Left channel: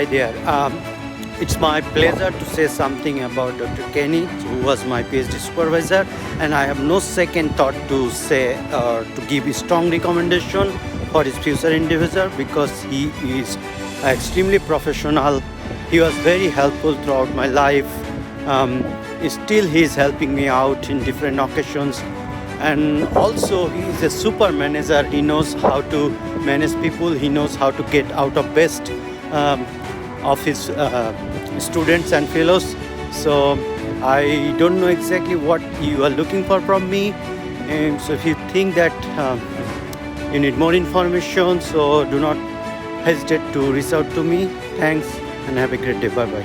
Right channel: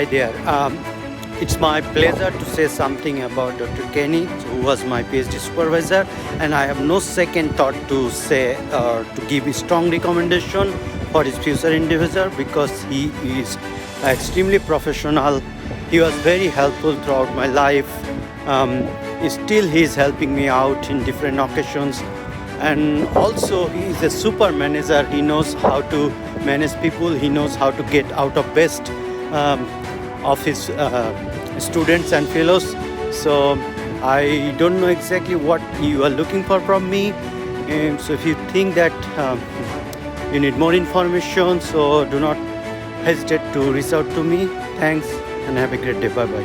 Hi there. It's my pleasure to say something about Dr. Kenny, who was my PhD supervisor, and I have no second thought to say to give a strong recommendation for his future endeavor because he is extremely professional. He was very helpful throughout my life. Still, he is helping me out in different occasions, and also he is a super manager. He knows how to manage people. He knows how to get out of best of his students and fellows. So I don't know exactly what you are looking for from me, and so if you think that you need more information, so do not hesitate to reach out to me. Thanks and have a great day. Bye bye.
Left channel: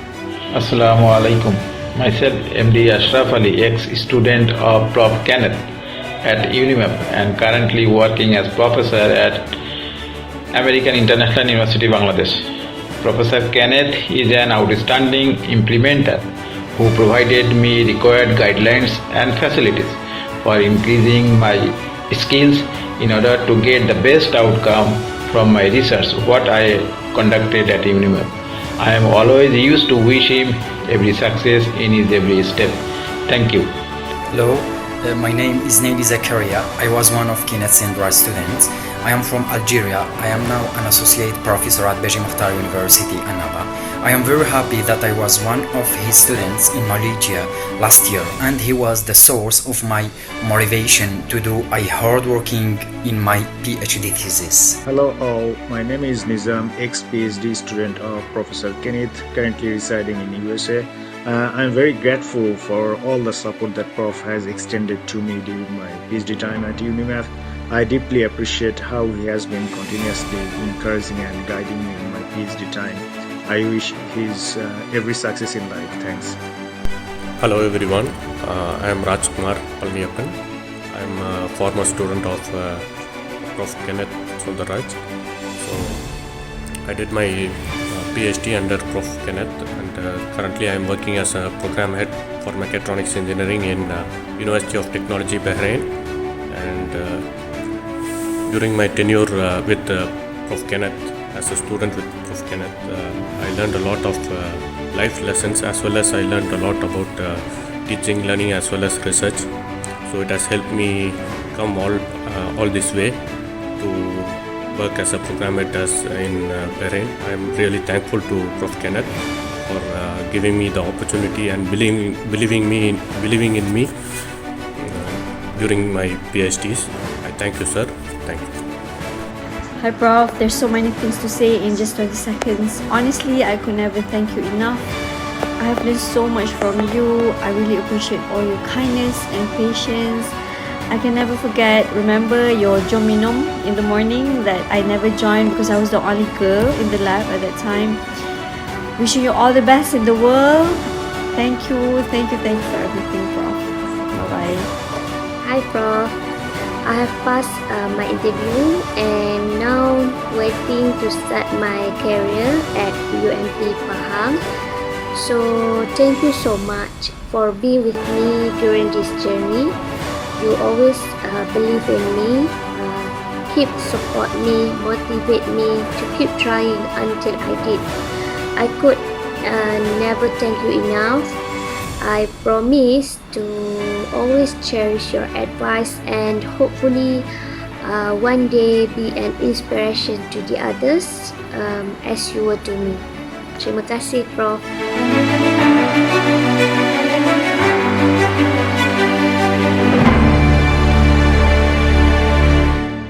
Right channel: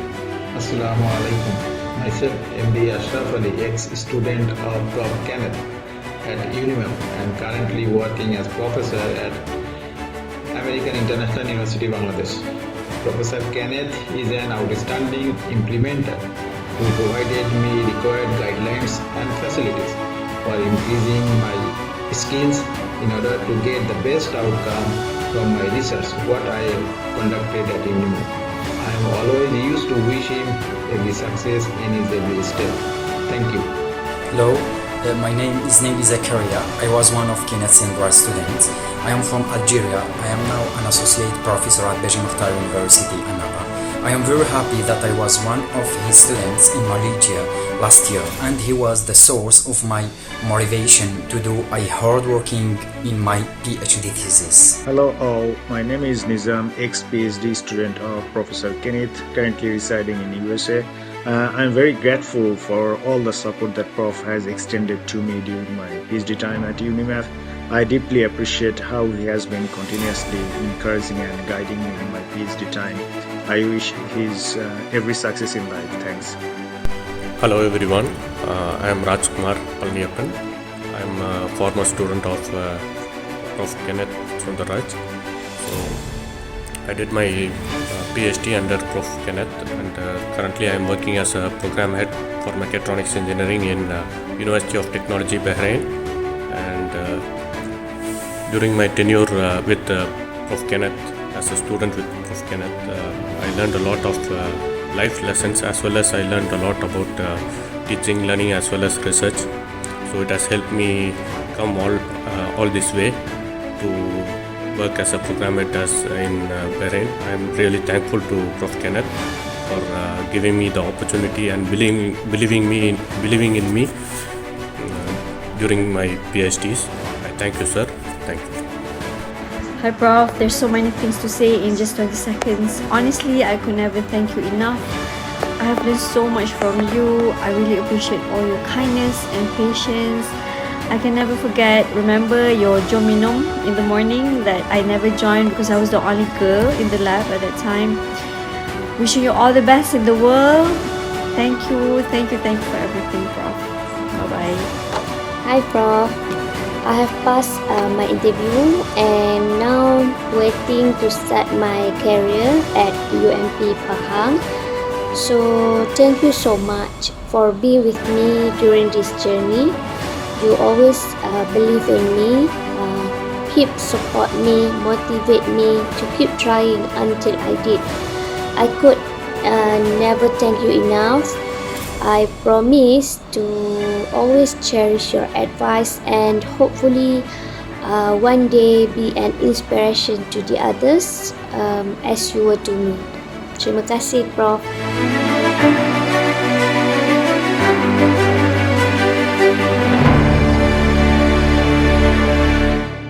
Assalamu alaikum. Myself, MD Ashraf Ali, ex-student of Prof. Kenneth at UTeM and currently working as professor at American International University, Bangladesh. Professor Kenneth is an outstanding implementer who provided me required guidelines and facilities for increasing my skills in order to get the best outcome from my research, what I conducted at UTeM. I am always used to wish him every success in his every step. Thank you. Hello, my name is Naili Zakaria. I was one of Kenneth Sundaraj students. I am from Algeria. I am now an associate professor at Beji Mukhtar University, Annaba. I am very happy that I was one of his students in Malaysia last year, and he was the source of my motivation to do a hard working in my PhD thesis. Hello all, my name is Nizam, ex-PhD student of Professor Kenneth, currently residing in USA. I'm very grateful for all the support that Prof has extended to me during my PhD time at UTeM. I deeply appreciate how he has been continuously encouraging and guiding me in my PhD time. I wish his every success in life. Thanks. Hello everyone, I am Rajkumar Palniappan. I am a former student of Prof. Kenneth Sundaraj. So I did my PhD under Prof. Kenneth, and currently I am working as a program head for mechatronics engineering in University of Technology, Bahrain. And during my tenure with Prof. Kenneth, as a student with Prof. Kenneth, I learned a lot of life lessons, as well as I learned a lot about teaching, learning, as well as research. So it has helped me come all this way to work as a program head in Bahrain. I am really thankful to Prof. Kenneth for giving me the opportunity and believing in me during my PhDs. I thank you, sir. Thank you. Hi Prof, there's so many things to say in just 20 seconds. Honestly, I could never thank you enough. I have learned so much from you. I really appreciate all your kindness and patience. I can never forget, remember your jominum in the morning that I never joined because I was the only girl in the lab at that time. Wishing you all the best in the world. Thank you for everything, Prof. Bye-bye. Hi Prof. I have passed my interview and now waiting to start my career at UMP Pahang. So thank you so much for being with me during this journey. You always believe in me, keep support me, motivate me to keep trying until I did. I could never thank you enough. I promise to always cherish your advice and hopefully one day be an inspiration to the others as you were to me. Terima kasih, Prof.